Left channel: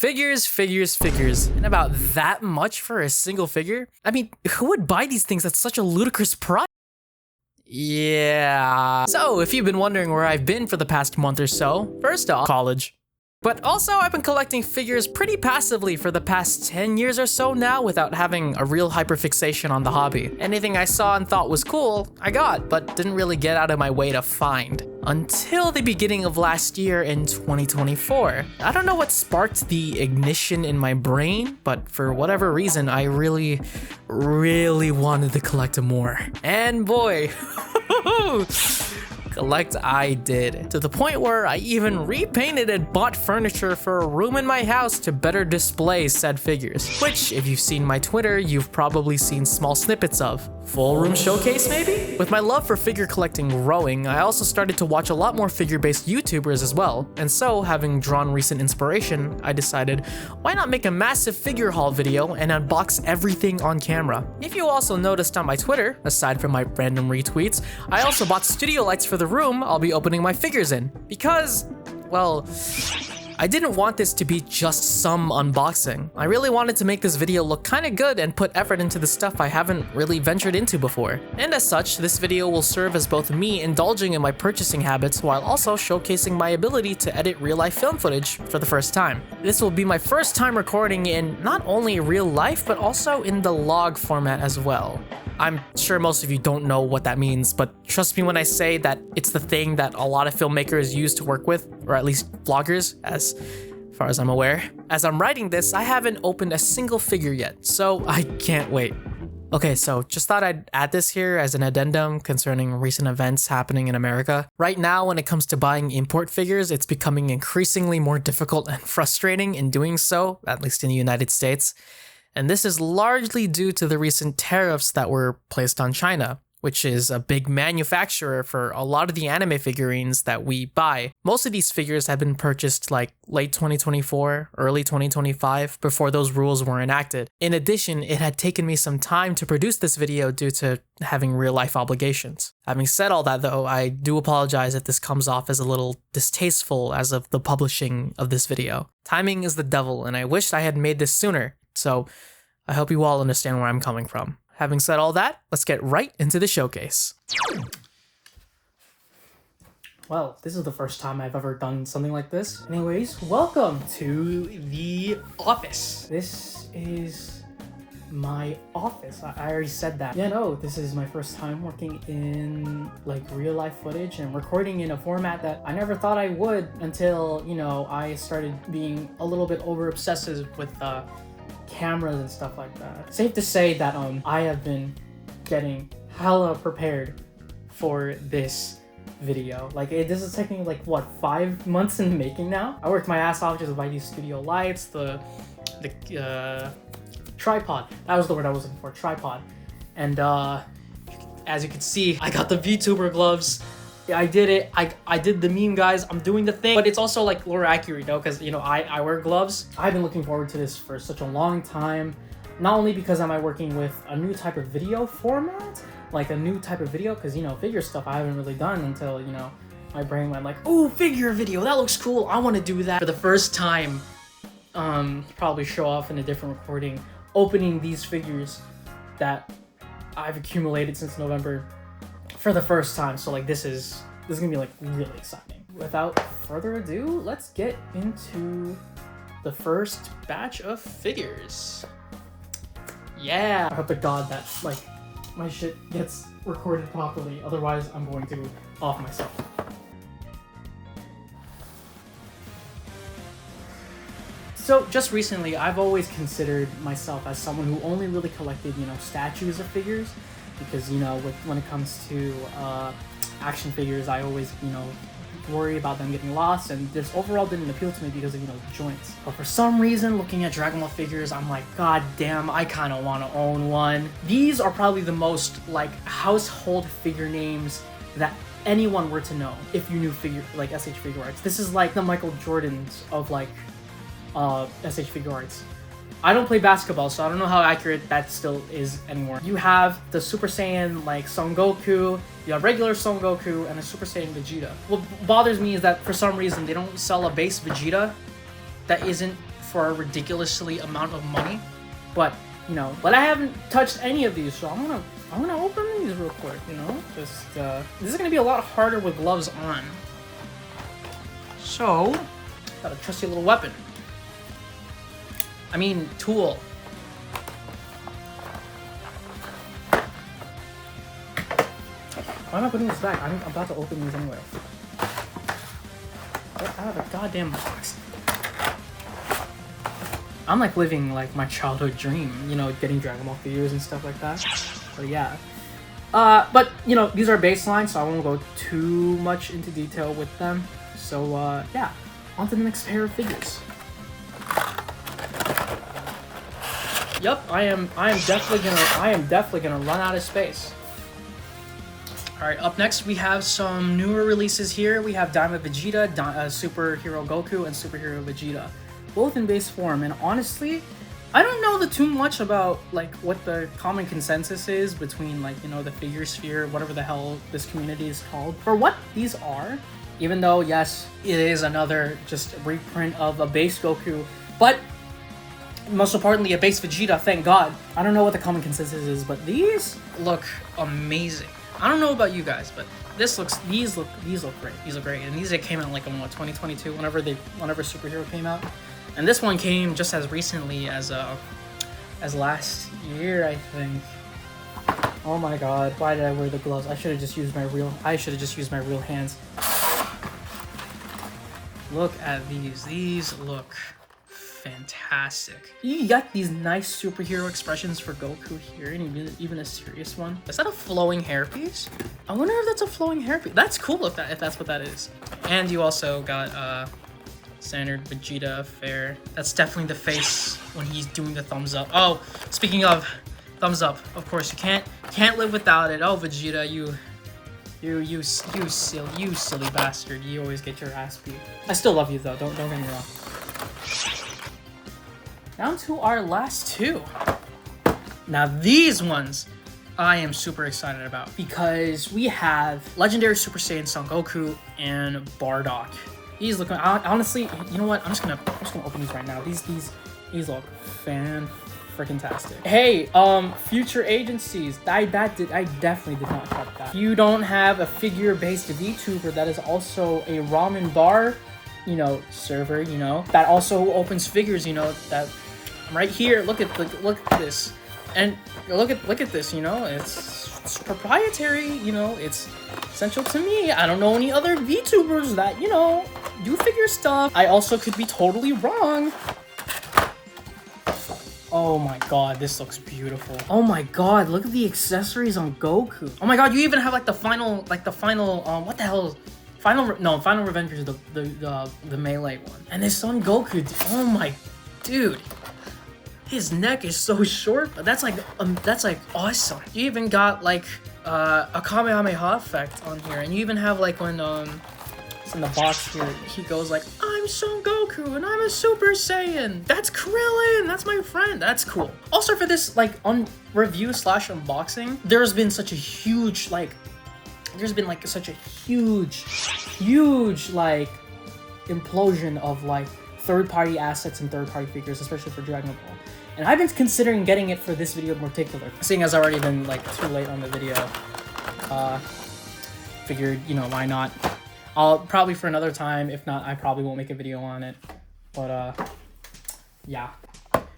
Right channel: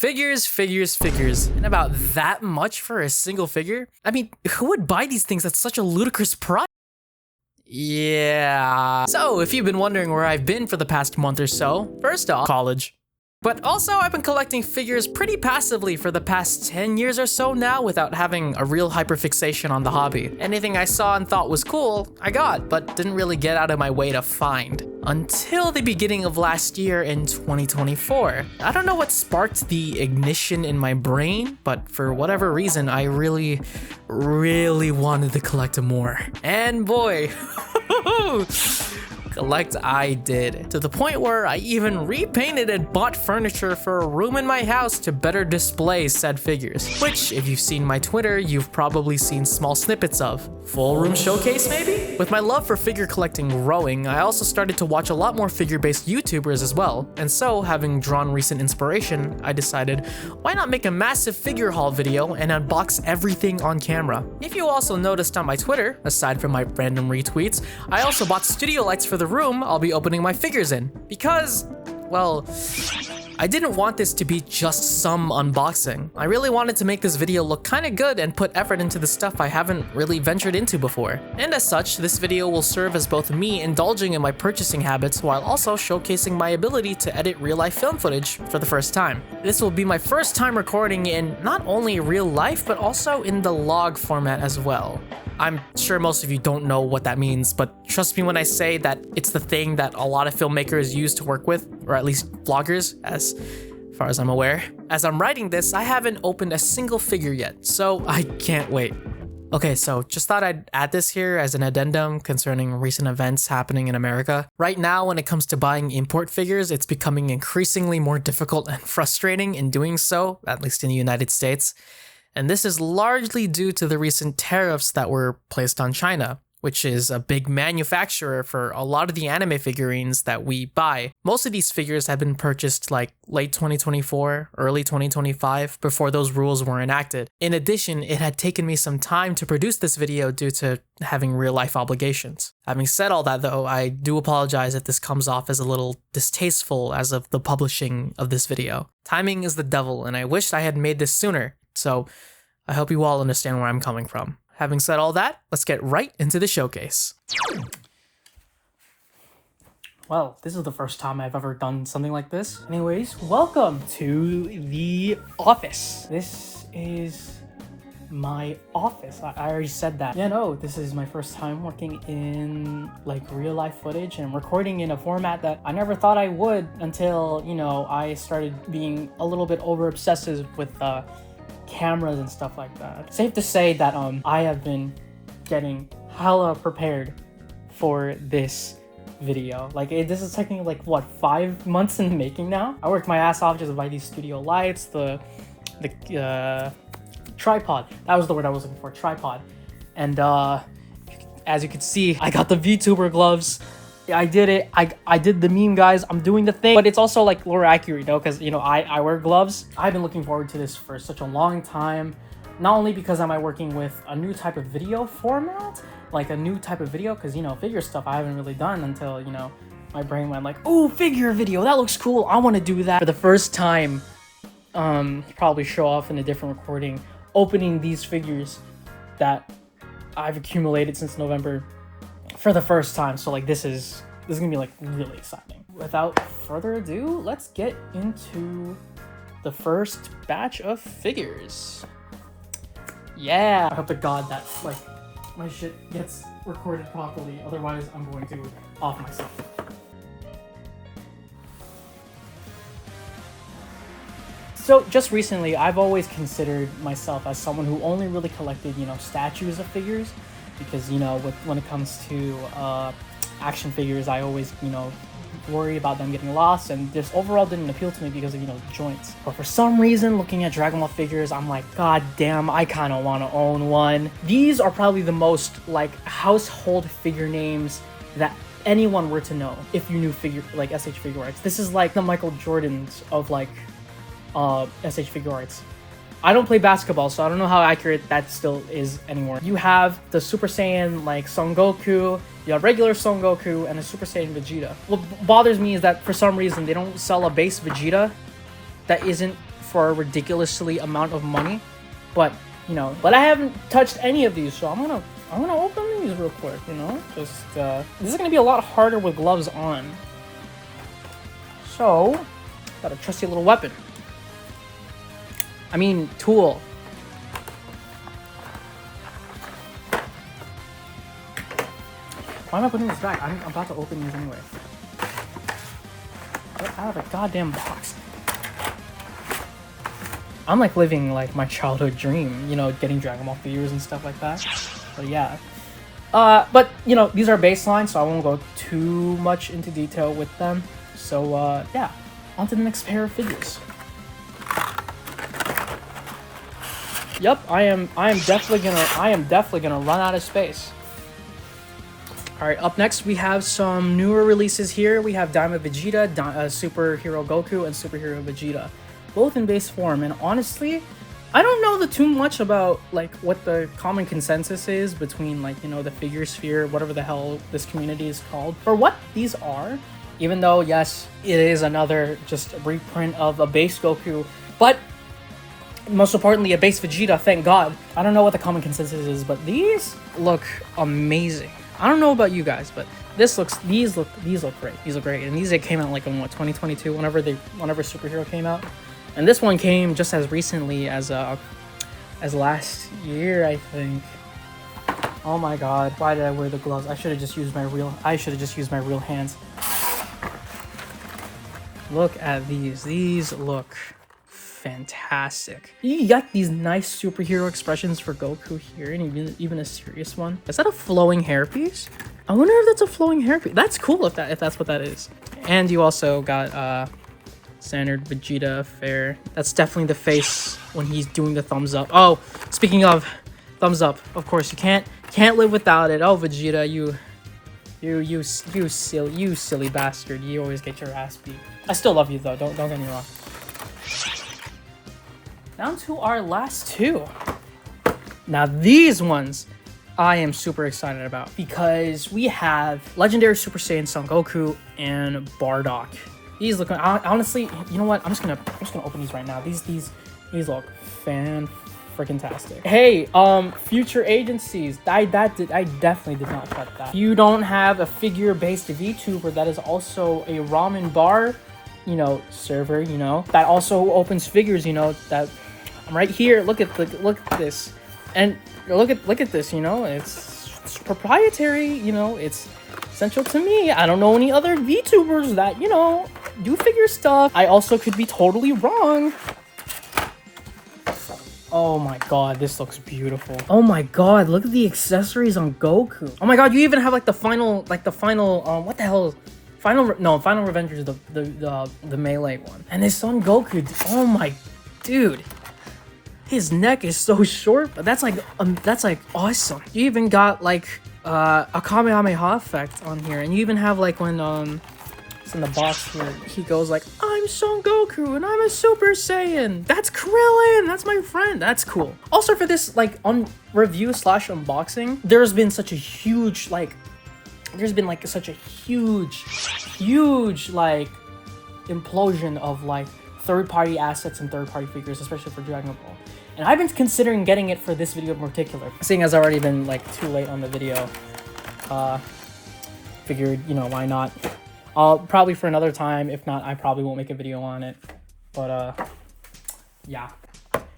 Figures. And about that much for a single figure? I mean, who would buy these things at such a ludicrous price? Yeah. So, if you've been wondering where I've been for the past month or so, first off, college. But also, I've been collecting figures pretty passively for the past 10 years or so now without having a real hyperfixation on the hobby. Anything I saw and thought was cool, I got, but didn't really get out of my way to find. Until the beginning of last year in 2024. I don't know what sparked the ignition in my brain, but for whatever reason, I really wanted to collect more. And boy, collect I did, to the point where I even repainted and bought furniture for a room in my house to better display said figures, which if you've seen my Twitter, you've probably seen small snippets of. Full room showcase maybe? With my love for figure collecting growing, I also started to watch a lot more figure-based YouTubers as well, and so, having drawn recent inspiration, I decided, why not make a massive figure haul video and unbox everything on camera? If you also noticed on my Twitter, aside from my random retweets, I also bought studio lights for the room I'll be opening my figures in, because, well, I didn't want this to be just some unboxing. I really wanted to make this video look kinda good and put effort into the stuff I haven't really ventured into before. And as such, this video will serve as both me indulging in my purchasing habits while also showcasing my ability to edit real-life film footage for the first time. This will be my first time recording in not only real life, but also in the log format as well. I'm sure most of you don't know what that means, but trust me when I say that it's the thing that a lot of filmmakers use to work with, or at least vloggers, as far as I'm aware. As I'm writing this, I haven't opened a single figure yet, so I can't wait. Okay, so just thought I'd add this here as an addendum concerning recent events happening in America. Right now, when it comes to buying import figures, it's becoming increasingly more difficult and frustrating in doing so, at least in the United States. And this is largely due to the recent tariffs that were placed on China, which is a big manufacturer for a lot of the anime figurines that we buy. Most of these figures have been purchased like late 2024, early 2025, before those rules were enacted. In addition, it had taken me some time to produce this video due to having real life obligations. Having said all that though, I do apologize if this comes off as a little distasteful as of the publishing of this video. Timing is the devil, and I wished I had made this sooner. So I hope you all understand where I'm coming from. Having said all that, let's get right into the showcase. Well, this is the first time I've ever done something like this. Anyways, welcome to the office. This is my office. I already said that. Yeah, no, this is my first time working in like real life footage and recording in a format that I never thought I would until, you know, I started being a little bit over obsessive with cameras and stuff like that. Safe to say that I have been getting hella prepared for this video. Like this is taking like what, 5 months in the making now. I worked my ass off just to buy these studio lights, the tripod. That was the word I was looking for, tripod. And as you can see, I got the VTuber gloves. I did it. I did the meme, guys. I'm doing the thing, but it's also like more accurate, you know, because you know I wear gloves. I've been looking forward to this for such a long time, not only because am I working with a new type of video format, like a new type of video, because you know figure stuff I haven't really done until, you know, my brain went like, oh, figure video, that looks cool, I want to do that. For the first time, probably show off in a different recording, opening these figures that I've accumulated since November for the first time. So like this is gonna be like really exciting. Without further ado, let's get into the first batch of figures. Yeah, I hope to God that like my shit gets recorded properly, otherwise I'm going to off myself. So just recently, I've always considered myself as someone who only really collected, you know, statues of figures. Because, you know, when it comes to action figures, I always, you know, worry about them getting lost, and this overall didn't appeal to me because of, you know, the joints. But for some reason, looking at Dragon Ball figures, I'm like, god damn, I kind of want to own one. These are probably the most, like, household figure names that anyone were to know if you knew figure, like, SH Figure Arts. This is like the Michael Jordans of, like, SH Figure Arts. I don't play basketball, so I don't know how accurate that still is anymore. You have the Super Saiyan like Son Goku, you have regular Son Goku, and a Super Saiyan Vegeta. What bothers me is that for some reason they don't sell a base Vegeta that isn't for a ridiculously amount of money, but you know, but I haven't touched any of these, so I'm gonna open these real quick, you know? Just, this is gonna be a lot harder with gloves on. So, got a trusty little weapon. I mean, tool. Why am I putting this back? I'm about to open these anyway. Get out of the goddamn box. I'm like living like my childhood dream, you know, getting Dragon Ball figures and stuff like that. But yeah. But you know, these are baseline, so I won't go too much into detail with them. So yeah, on to the next pair of figures. Yep, I am definitely gonna run out of space. Alright, up next we have some newer releases here. We have Daima Vegeta, Superhero Goku, and Superhero Vegeta. Both in base form, and honestly, I don't know too much about like what the common consensus is between like, you know, the figure sphere, whatever the hell this community is called, for what these are. Even though, yes, it is another just reprint of a base Goku, but most importantly, a base Vegeta, thank God. I don't know what the common consensus is, but these look amazing. I don't know about you guys, but these look great. These look great, and these came out like in what, 2022, whenever Superhero came out, and this one came just as recently as last year, I think. Oh my God, why did I wear the gloves? I should have just used my real hands. Look at these. These look fantastic. You got these nice superhero expressions for Goku here, and even a serious one. Is that a flowing hairpiece? I wonder if that's a flowing hairpiece. That's cool if that's what that is. And you also got standard Vegeta affair. That's definitely the face when he's doing the thumbs up. Oh, speaking of thumbs up, of course you can't live without it. Oh, Vegeta, you silly bastard. You always get your ass beat. I still love you though. Don't get me wrong. Down to our last two. Now these ones I am super excited about because we have Legendary Super Saiyan Son Goku and Bardock. These look, honestly, you know what? I'm just gonna open these right now. These look freaking-tastic. Hey, future agencies, I definitely did not check that. You don't have a figure-based VTuber that is also a ramen bar, you know, server, you know, that also opens figures, you know, that right here. Look at this, and look at this. You know, it's proprietary. You know, it's essential to me. I don't know any other VTubers that, you know, do figure stuff. I also could be totally wrong. Oh my God, this looks beautiful. Oh my God, look at the accessories on Goku. Oh my God, you even have like the final, what the hell? Final Revengers is the melee one. And this on Goku, oh my, dude. His neck is so short, but that's like awesome. You even got like a Kamehameha effect on here, and you even have like when it's in the box here, he goes like, I'm Son Goku and I'm a Super Saiyan. That's Krillin. That's my friend. That's cool. Also for this like on review / unboxing, there's been such a huge like implosion of like third-party assets and third-party figures, especially for Dragon Ball. And I've been considering getting it for this video in particular, seeing as I've already been like too late on the video. Figured, you know, why not? I'll probably for another time. If not, I probably won't make a video on it. But yeah.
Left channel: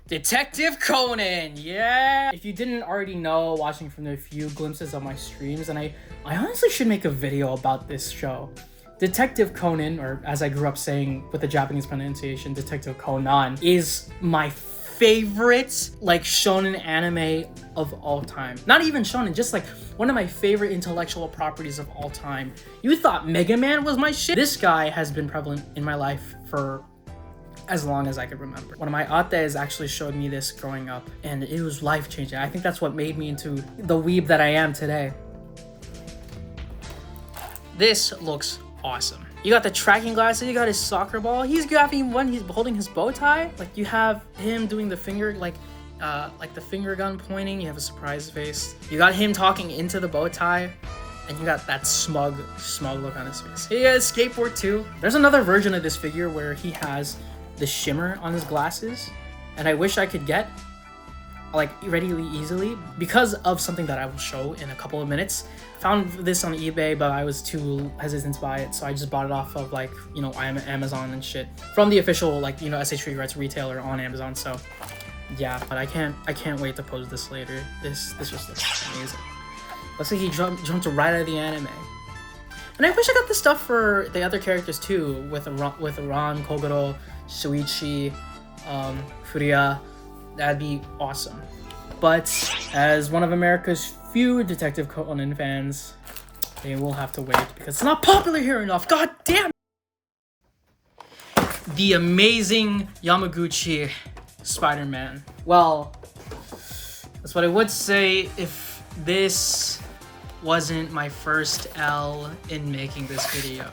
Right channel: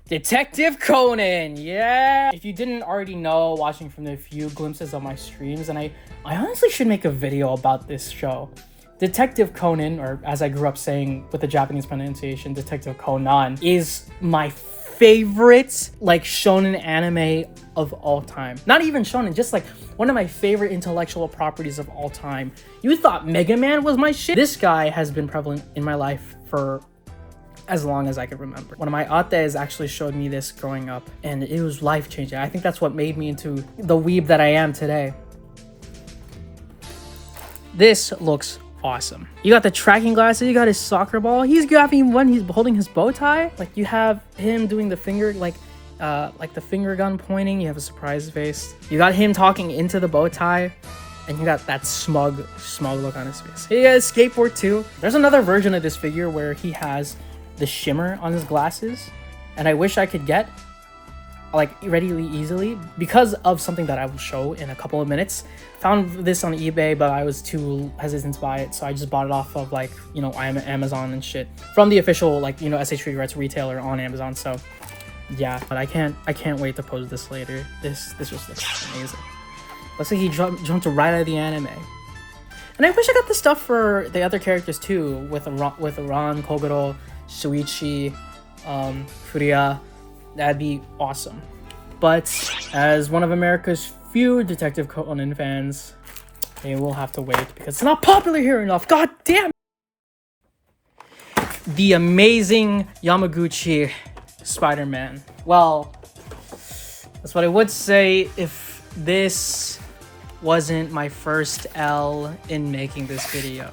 Detective Conan, yeah! If you didn't already know, watching from the few glimpses of my streams, and I honestly should make a video about this show. Detective Conan, or as I grew up saying with the Japanese pronunciation, Detective Conan, is my favorite like shonen anime of all time. Not even shonen, just like one of my favorite intellectual properties of all time. You thought Mega Man was my shit? This guy has been prevalent in my life for as long as I could remember. One of my ates actually showed me this growing up, and it was life-changing. I think that's what made me into the weeb that I am today. This looks awesome. You got the tracking glasses, you got his soccer ball, he's grabbing one, he's holding his bow tie. Like you have him doing the finger, like the finger gun pointing, you have a surprise face. You got him talking into the bow tie, and you got that smug look on his face. He has skateboard too. There's another version of this figure where he has the shimmer on his glasses, and I wish I could get like readily easily because of something that I will show in a couple of minutes. Found this on eBay, but I was too hesitant to buy it, so I just bought it off of like, you know, Amazon and shit from the official, like, you know, sh Figuarts retailer on Amazon. So yeah, but I can't wait to pose this later. This just looks amazing. Looks like he jumped right out of the anime. And I wish I got the stuff for the other characters too, with Ran, Kogoro, Shuichi, Furia. That'd be awesome. But as one of America's few Detective Conan fans, they will have to wait because it's not popular here enough. God damn! The amazing Yamaguchi Spider-Man. Well, that's what I would say if this wasn't my first L in making this video.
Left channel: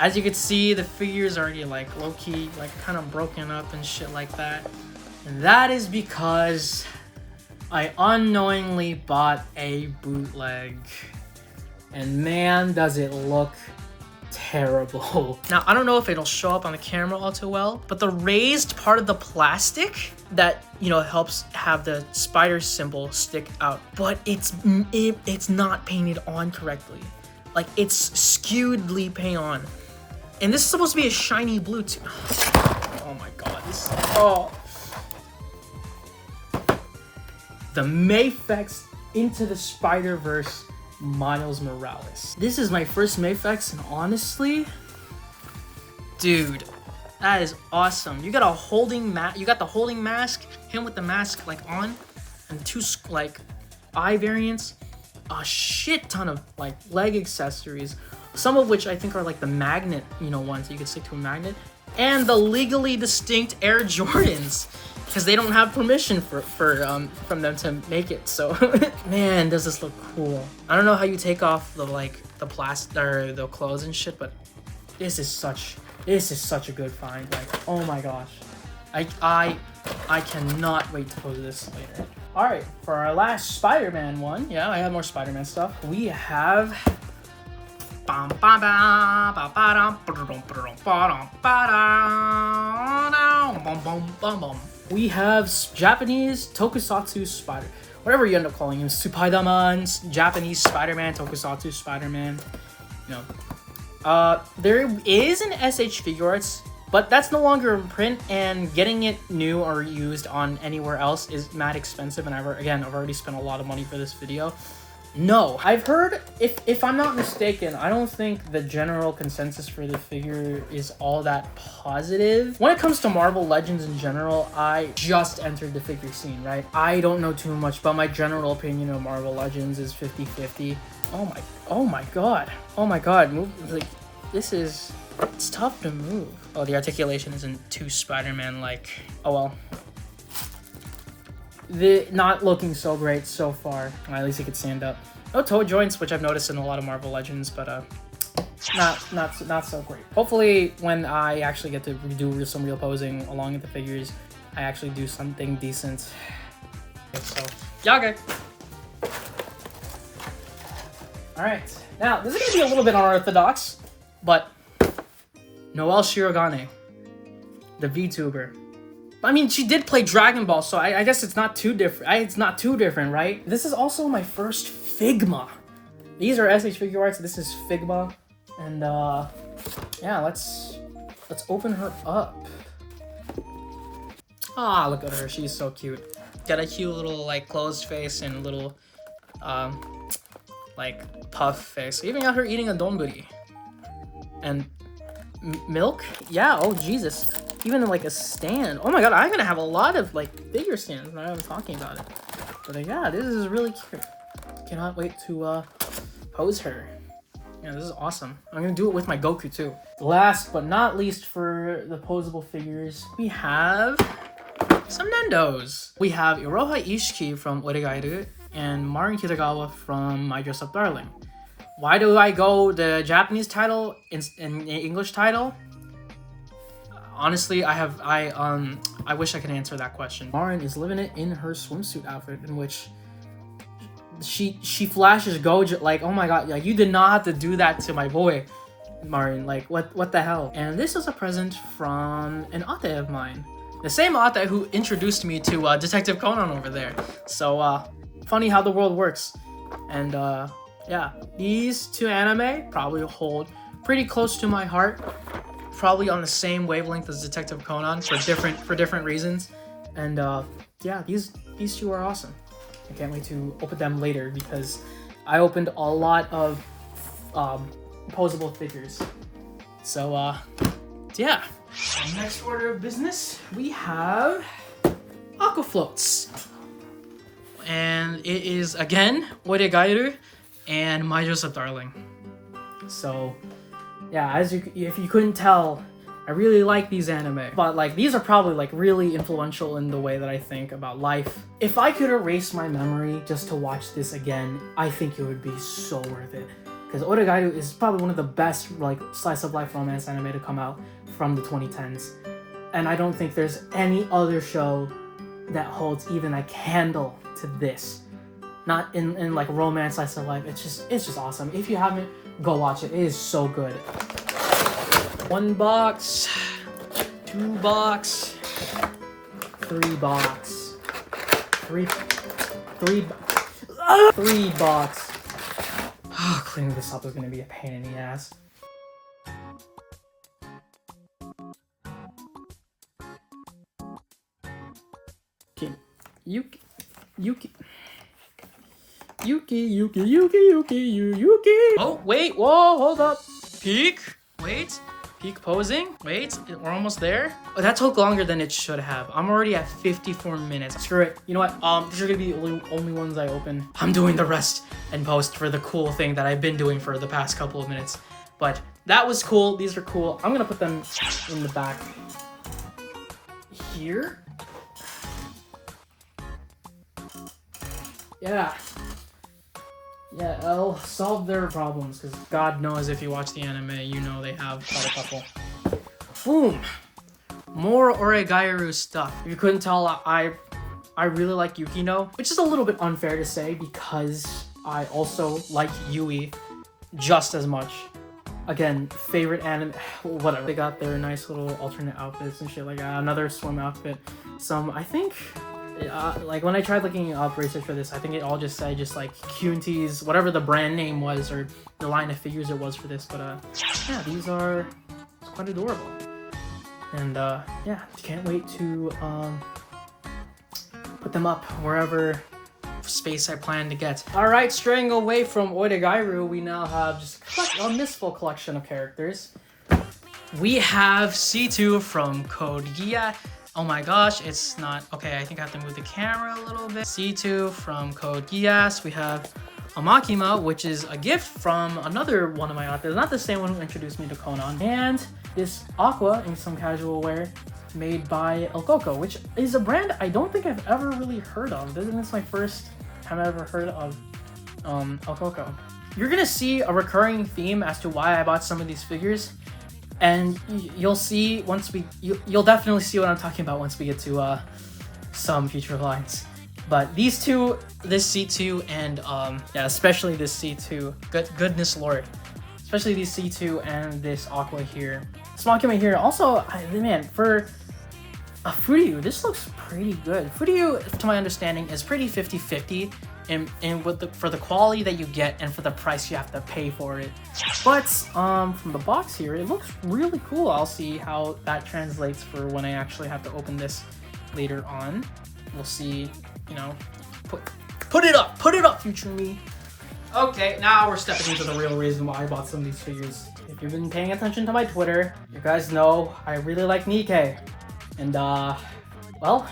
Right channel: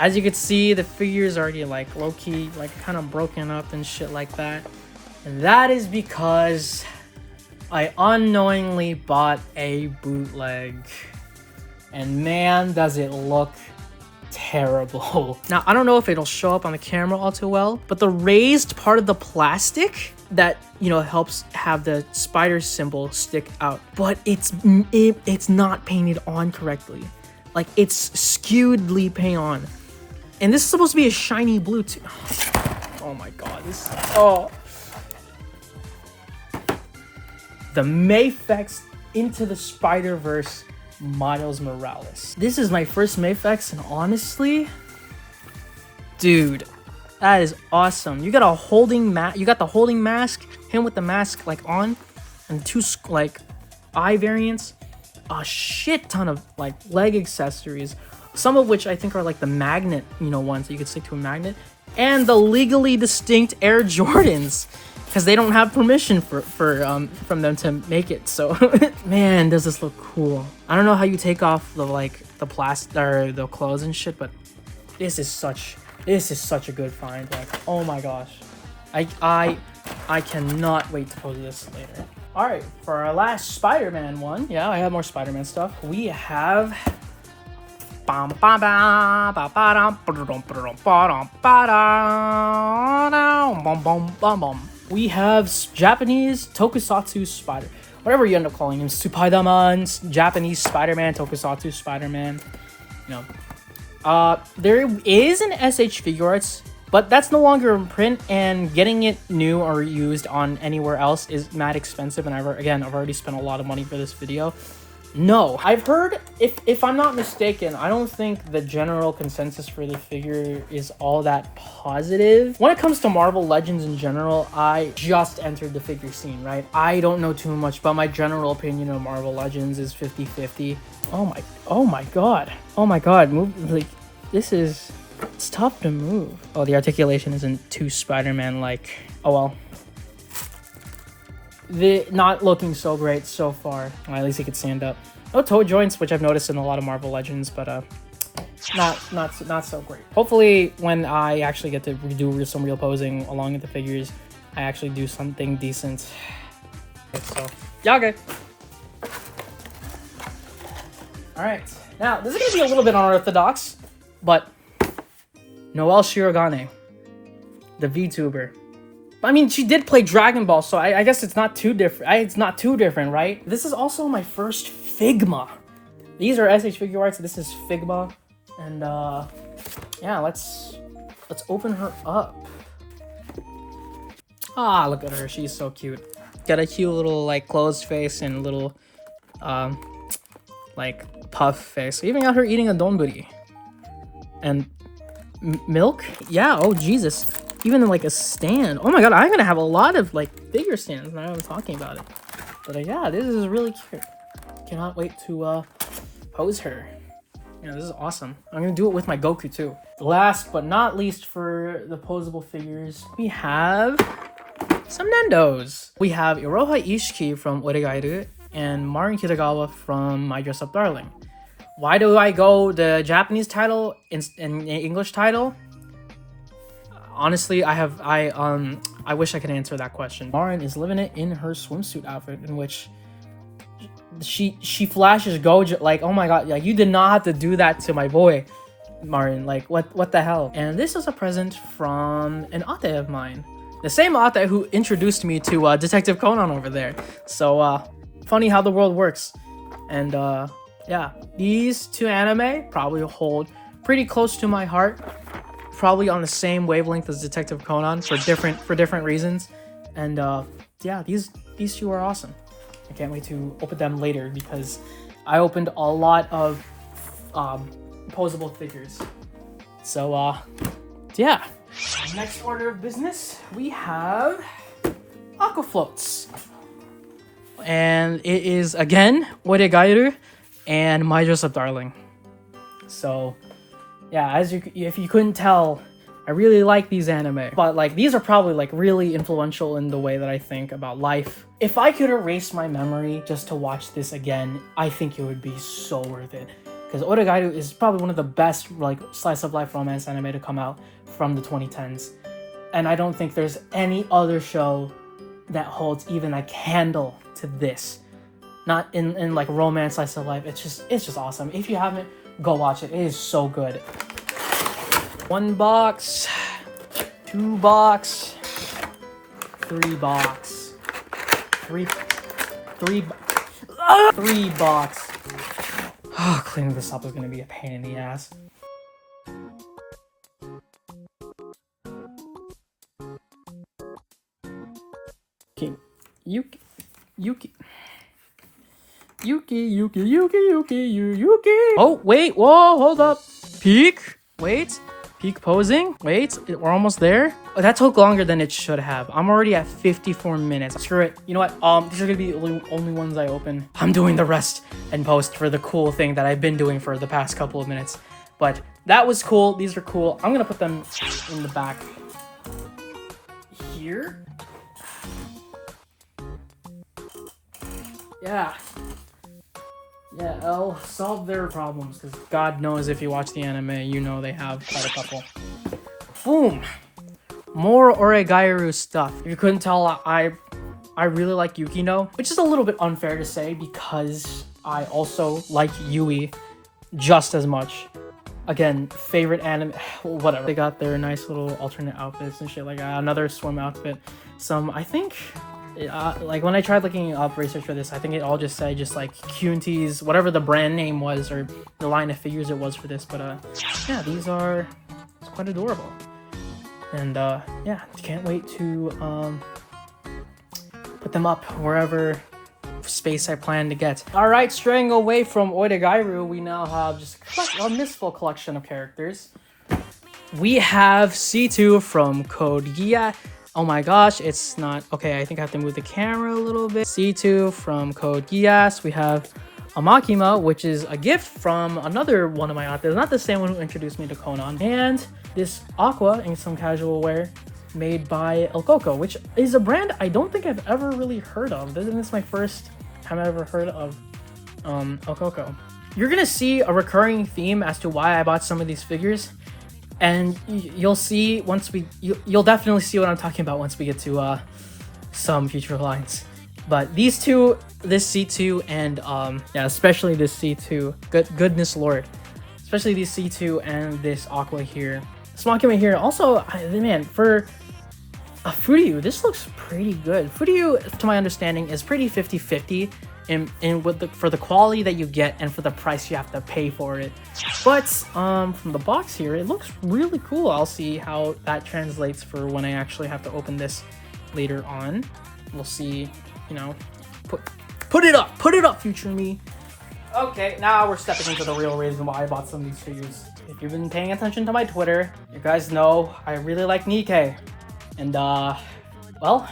As you can see, the figure's already like low-key, like kind of broken up and shit like that. And that is because I unknowingly bought a bootleg. And man, does it look terrible. Now, I don't know if it'll show up on the camera all too well, but the raised part of the plastic that, you know, helps have the spider symbol stick out, but it's not painted on correctly. Like, it's skewedly paint on. And this is supposed to be a shiny blue too. Oh my god, this, oh. The Mayfex Into the Spider-Verse Miles Morales. This is my first Mayfex, and honestly, dude, that is awesome. You got a holding you got the holding mask, him with the mask like on, and two like eye variants, a shit ton of like leg accessories, some of which I think are like the magnet, you know, ones that you could stick to a magnet, and the legally distinct Air Jordans, because they don't have permission from them to make it. So man, does this look cool. I don't know how you take off the like the plastic or the clothes and shit, but this is such a good find. Like, oh my gosh, I cannot wait to pose this later. All right, for our last Spider-Man one, yeah, I have more Spider-Man stuff. We have we have Japanese Tokusatsu Spider, whatever you end up calling him, Spider-Man, Japanese Spider-Man, Tokusatsu Spider-Man, you know. There is an sh Figuarts, but that's no longer in print, and getting it new or used on anywhere else is mad expensive, and I've already spent a lot of money for this video. No, I've heard, if I'm not mistaken, I don't think the general consensus for the figure is all that positive. When it comes to Marvel Legends in general, I just entered the figure scene, right? I don't know too much, but my general opinion of Marvel Legends is 50-50. Oh my god, move, like, it's tough to move. Oh, the articulation isn't too Spider-Man like. Oh well. Not looking so great so far. Well, at least it could stand up. No toe joints, which I've noticed in a lot of Marvel Legends, but not so great. Hopefully, when I actually get to do some real posing along with the figures, I actually do something decent. So, yeah, okay. All right, now this is gonna be a little bit unorthodox, but Noelle Shirogane, the VTuber. I mean, she did play Dragon Ball, so I guess it's not too different. It's not too different, right? This is also my first Figma. These are sh Figuarts. This is Figma, and yeah, let's open her up. Ah, look at her. She's so cute. Got a cute little like closed face and little like puff face. Even got her eating a donburi and milk. Yeah. Oh Jesus. Even like a stand. Oh my god, I'm gonna have a lot of like figure stands now I'm talking about it. But yeah, this is really cute. Cannot wait to pose her. Yeah, this is awesome. I'm gonna do it with my Goku too. Last but not least for the posable figures, we have some Nendos. We have Iroha Ishiki from Oregairu and Marin Kitagawa from My Dress Up Darling. Why do I go the Japanese title in English title? Honestly, I wish I could answer that question. Marin is living it in her swimsuit outfit, in which she flashes Gojo like, oh my god, like you did not have to do that to my boy. Martin, like what the hell? And this is a present from an ate of mine. The same ate who introduced me to Detective Conan over there. So funny how the world works. And yeah, these two anime probably hold pretty close to my heart. Probably on the same wavelength as Detective Conan for different reasons. And yeah, these two are awesome. I can't wait to open them later because I opened a lot of posable figures. So yeah. Next order of business, we have Aqua Floats. And it is again 𝙎𝙘𝙘𝙀𝙀𝙀 and My Dress-Up Darling. So yeah, if you couldn't tell, I really like these anime, but like these are probably like really influential in the way that I think about life. If I could erase my memory just to watch this again, I think it would be so worth it. Because 𝙎𝙘𝙘𝙀𝙀 is probably one of the best like slice of life romance anime to come out from the 2010s. And I don't think there's any other show that holds even a candle to this. Not in like romance slice of life. It's just awesome. If you haven't, go watch it. It is so good. 1 box, 2 box, 3 box, 3 box. Oh, cleaning this up is gonna be a pain in the ass. Okay, Yuki. Oh, wait, whoa, hold up. Peek, wait. Peak posing. Wait, we're almost there. Oh, that took longer than it should have. I'm already at 54 minutes. Screw it. You know what? These are gonna be the only ones I open. I'm doing the rest in post for the cool thing that I've been doing for the past couple of minutes. But that was cool. These are cool. I'm gonna put them in the back here. Yeah. Yeah, I'll solve their problems, because God knows if you watch the anime, you know they have quite a couple. Boom! More 𝙎𝙘𝙘𝙀𝙀𝙀 stuff. If you couldn't tell, I really like Yukino, which is a little bit unfair to say, because I also like Yui just as much. Again, favorite anime, whatever. They got their nice little alternate outfits and shit like that. Another swim outfit. I think... like when I tried looking up research for this, I think it all just said like Cunties, whatever the brand name was or the line of figures it was for this. But yeah, these are quite adorable, and yeah, can't wait to put them up wherever space I plan to get. All right, straying away from 𝙎𝙘𝙘𝙀𝙀𝙀, we now have just a mistful collection of characters. We have C2 from Code Geass. Oh my gosh, it's not... Okay, I think I have to move the camera a little bit. C2 from Code Geass. We have Amakima, which is a gift from another one of my authors. Not the same one who introduced me to Conan. And this Aqua in some casual wear made by 𝙬𝙬𝙀𝙀, which is a brand I don't think I've ever really heard of. I think this is my first time I've ever heard of 𝙬𝙬𝙀𝙀. You're gonna see a recurring theme as to why I bought some of these figures. And you'll see once you'll definitely see what I'm talking about once we get to some future lines. But these two, this C2 and yeah, especially this C2, goodness lord, especially this C2 and this Aqua here. This Aqua here also, man, for a Furyu, this looks pretty good. Furyu, to my understanding, is pretty 50-50 for the quality that you get and for the price you have to pay for it. But from the box here, it looks really cool. I'll see how that translates for when I actually have to open this later on. We'll see, you know, put it up, future me. Okay, now we're stepping into the real reason why I bought some of these figures. If you've been paying attention to my Twitter, you guys know I really like Nikke. And well,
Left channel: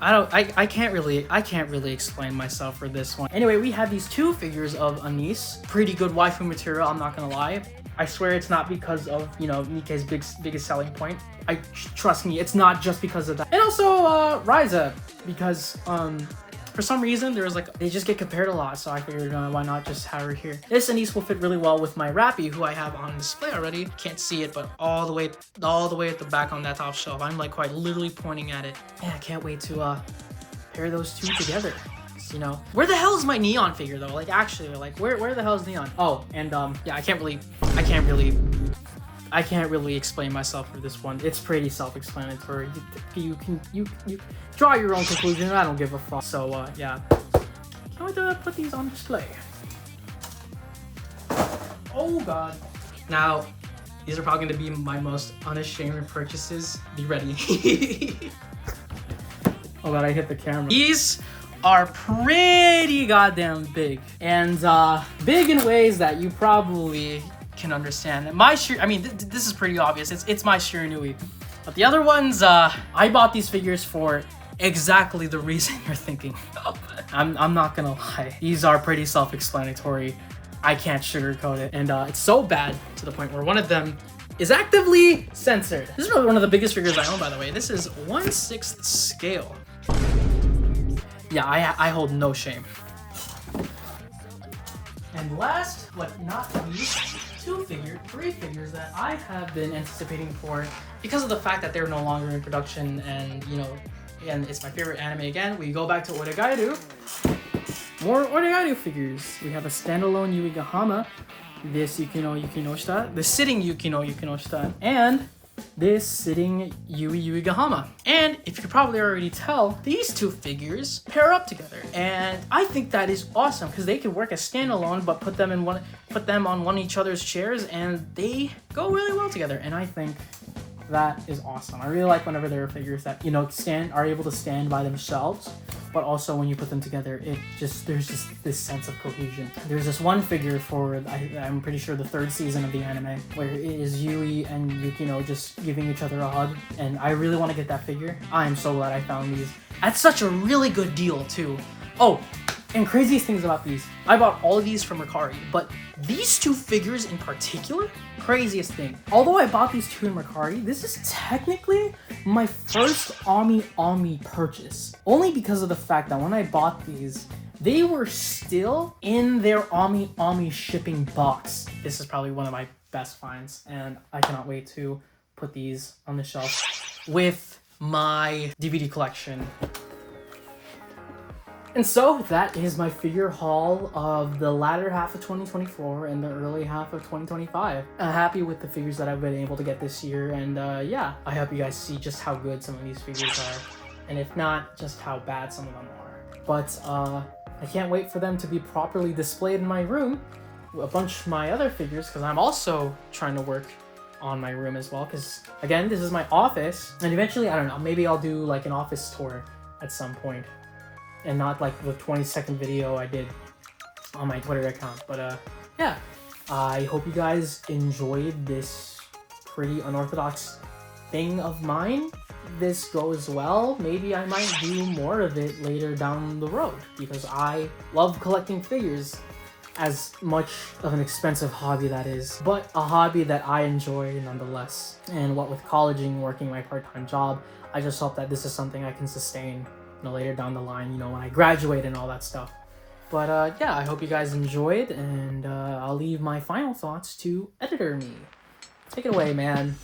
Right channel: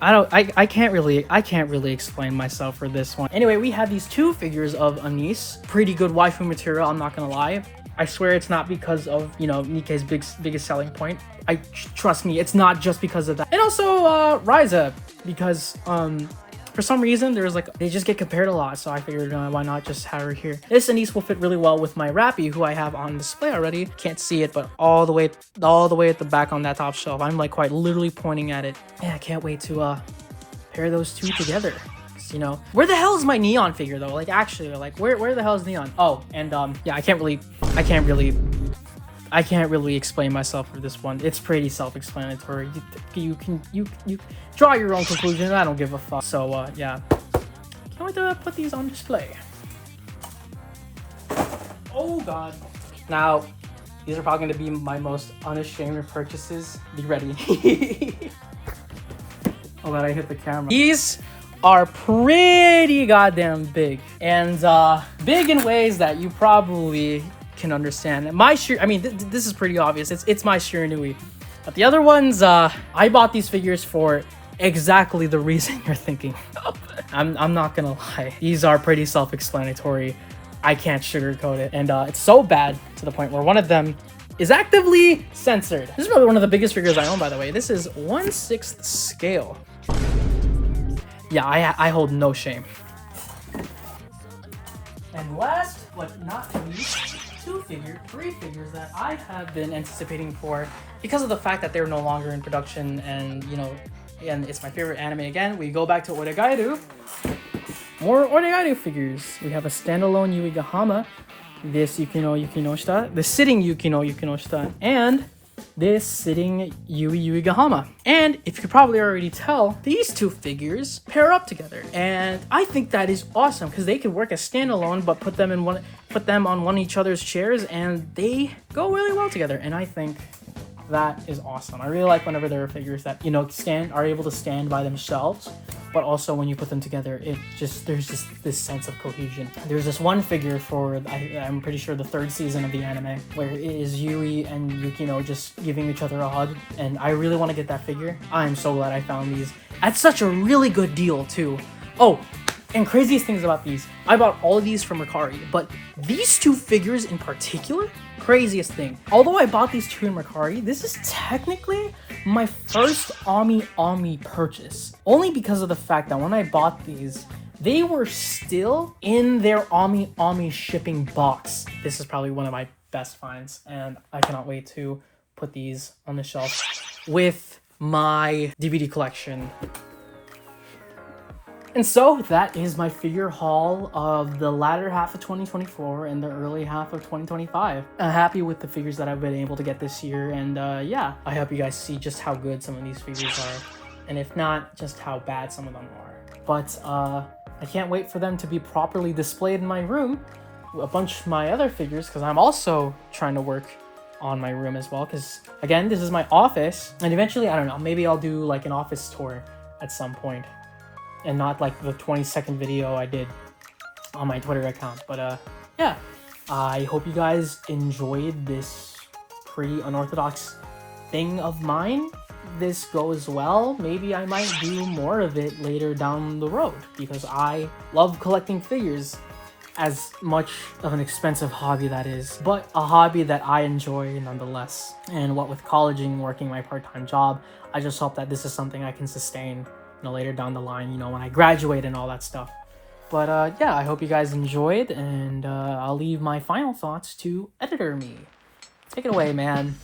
I can't really explain myself for this one. Anyway, we have these two figures of Anice. Pretty good waifu material, I'm not gonna lie. I swear it's not because of, you know, Nikke's biggest selling point. Trust me, it's not just because of that. And also Raiza, because for some reason there's like, they just get compared a lot, so I figured why not just have her here. This Anice will fit really well with my Rappy, who I have on display already. Can't see it, but all the way at the back on that top shelf. I'm like quite literally pointing at it. Yeah, I can't wait to pair those two together. artists, you know? Where the hell is my Neon figure though? Like actually, like where the hell is Neon? Oh, and yeah, I can't really explain myself for this one. It's pretty self-explanatory. You draw your own conclusion. I don't give a fuck. So yeah, can't wait to put these on display. Oh god. Now, these are probably going to be my most unashamed purchases. Be ready. Oh god, I hit the camera. These are pretty goddamn big, and big in ways that you probably can understand. My I mean, this is pretty obvious. It's my 𝙍𝙬𝙚𝙀𝙀. But the other ones, I bought these figures for exactly the reason you're thinking of. I'm not gonna lie. These are pretty self-explanatory. I can't sugarcoat it, and it's so bad to the point where one of them is actively censored. This is probably one of the biggest figures I own, by the way. This is 1/6 scale. Yeah, I hold no shame. And last but not least, three figures that I have been anticipating for because of the fact that they're no longer in production, and you know, and it's my favorite anime again. We go back to 𝙎𝙬𝙚𝙀𝙀. More 𝙎𝙬𝙚𝙀𝙀 figures. We have a standalone 𝘼𝙬𝙀𝙀, this 𝑖𝑘ino-𝑖𝑘ino-𝙍, the sitting 𝑖𝑘ino-𝑖𝑘ino-𝙍, and this sitting 𝑖𝑢𝑖𝑢𝑖𝑔ahama. And if you could probably already tell, these two figures pair up together, and I think that is awesome because they could work as standalone, but put them on one of each other's chairs, and they go really well together. And I think that is awesome. I really like whenever there are figures that, you know, are able to stand by themselves, but also when you put them together, there's just this sense of cohesion. There's this one figure for, I'm pretty sure, the 3rd season of the anime, where it is Yui and Yukino just giving each other a hug, and I really want to get that figure. I'm so glad I found these at such a really good deal too. Oh, and craziest things about these, I bought all of these from Mercari, but these two figures in particular, craziest thing. Although I bought these two in Mercari, this is technically my first Aome purchase. Only because of the fact that when I bought these, they were still in their Aome shipping box. This is probably one of my best finds, and I cannot wait to put these on the shelf with my DVD collection. And so that is my figure haul of the latter half of 2024 and the early half of 2025. I'm happy with the figures that I've been able to get this year, and yeah, I hope you guys see just how good some of these figures are, and if not, just how bad some of them are. But I can't wait for them to be properly displayed in my room, a bunch of my other figures, because I'm also trying to work on my room as well, because again, this is my office, and eventually, I don't know, maybe I'll do like an office tour at some point, and not like the 20-second video I did on my Twitter account. But yeah, I hope you guys enjoyed this pretty unorthodox thing of mine. This goes well, maybe I might do more of it later down the road, because I love collecting figures, as much of an expensive hobby that is, but a hobby that I enjoy nonetheless. And what with college and working my part-time job, I just hope that this is something I can sustain, you know, later down the line, you know, when I graduate and all that stuff. But yeah, I hope you guys enjoyed, and I'll leave my final thoughts to editor me. Take it away, man.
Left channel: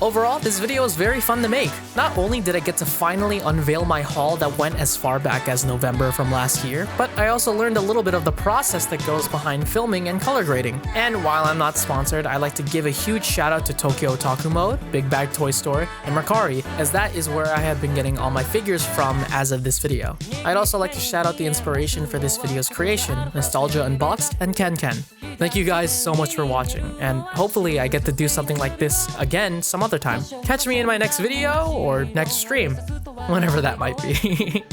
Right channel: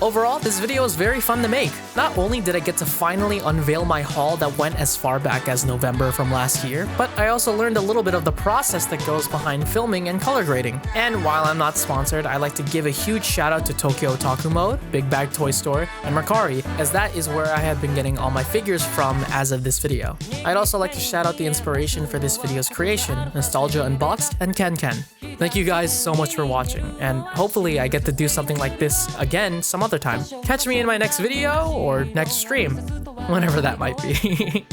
Overall, this video was very fun to make. Not only did I get to finally unveil my haul that went as far back as November from last year, but I also learned a little bit of the process that goes behind filming and color grading. And while I'm not sponsored, I'd like to give a huge shout out to Tokyo Otaku Mode, Big Bag Toy Store, and Mercari, as that is where I have been getting all my figures from as of this video. I'd also like to shout out the inspiration for this video's creation, Nostalgia Unboxed and Ken Ken. Thank you guys so much for watching, and hopefully I get to do something like this again some other time. Catch me in my next video or next stream, whenever that might be.